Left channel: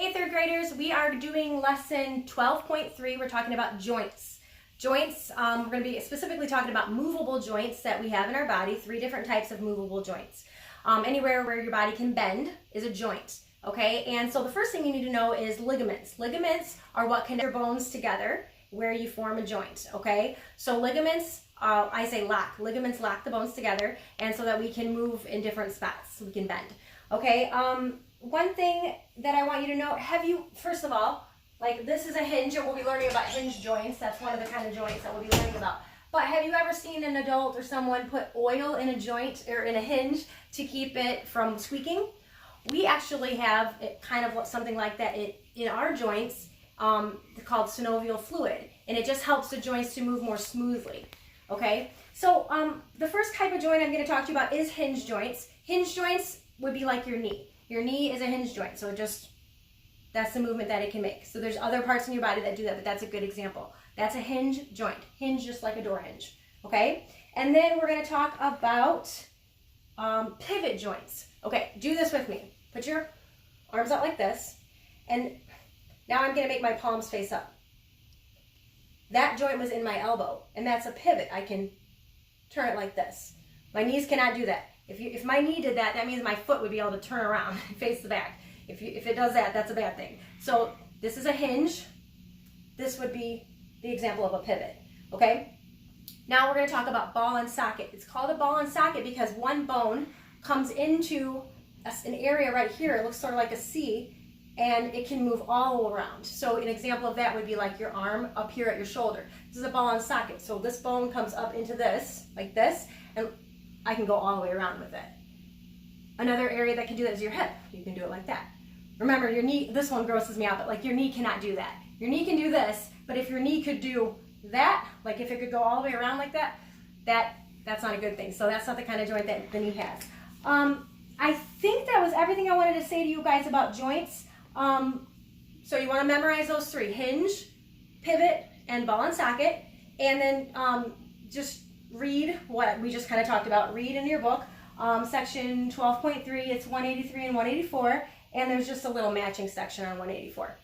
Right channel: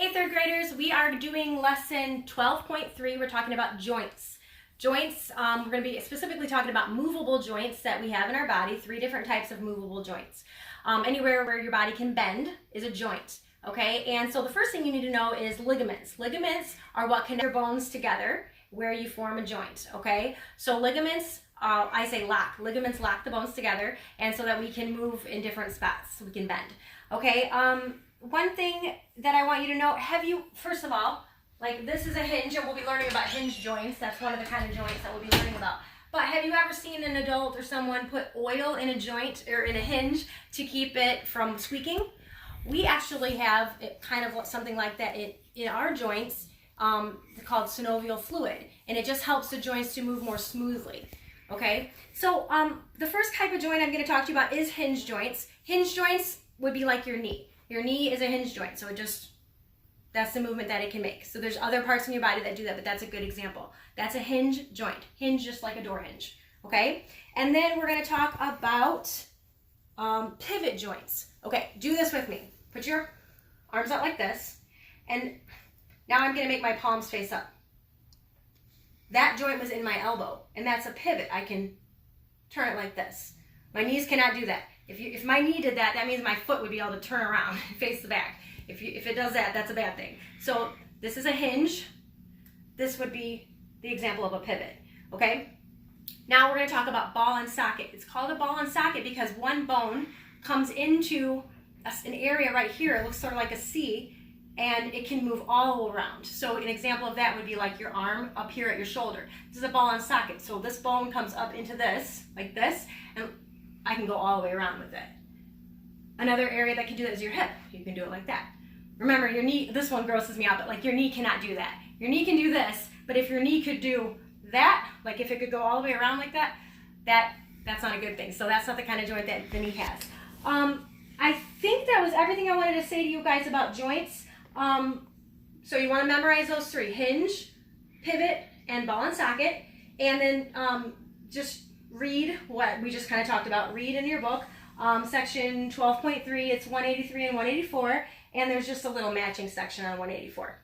Hey third graders, we are doing lesson 12.3. We're talking about joints. Joints, we're going to be specifically talking about movable joints that we have in our body, 3 different types of movable joints. Anywhere where your body can bend is a joint, okay? And so the first thing you need to know is ligaments. Ligaments are what connect your bones together where you form a joint, okay? So ligaments, I say lock. Ligaments lock the bones together and so that we can move in different spots, so we can bend, okay? One thing that I want you to know, first of all, like this is a hinge and we'll be learning about hinge joints. That's one of the kind of joints that we'll be learning about. But have you ever seen an adult or someone put oil in a joint or in a hinge to keep it from squeaking? We actually have kind of something like that in our joints called synovial fluid. And it just helps the joints to move more smoothly. Okay, so the first type of joint I'm going to talk to you about is hinge joints. Hinge joints would be like your knee. Your knee is a hinge joint, so that's the movement that it can make. So there's other parts in your body that do that, but that's a good example. That's a hinge joint. Hinge just like a door hinge, okay? And then we're going to talk about pivot joints. Okay, do this with me. Put your arms out like this, and now I'm going to make my palms face up. That joint was in my elbow, and that's a pivot. I can turn it like this. My knees cannot do that. If my knee did that, that means my foot would be able to turn around and face the back. If it does that, that's a bad thing. So this is a hinge. This would be the example of a pivot, okay? Now we're going to talk about ball and socket. It's called a ball and socket because one bone comes into an area right here. It looks sort of like a C, and it can move all around. So an example of that would be like your arm up here at your shoulder. This is a ball and socket. So this bone comes up into this, like this, and I can go all the way around with it. Another area that can do that is your hip. You can do it like that. Remember, your knee, this one grosses me out, but like your knee cannot do that. Your knee can do this, but if your knee could do that, like if it could go all the way around like that, that's not a good thing. So that's not the kind of joint that the knee has. I think that was everything I wanted to say to you guys about joints. So you want to memorize those 3, hinge, pivot, and ball and socket. And then just read what we just kind of talked about. Read in your book, section 12.3, it's 183 and 184, and there's just a little matching section on 184.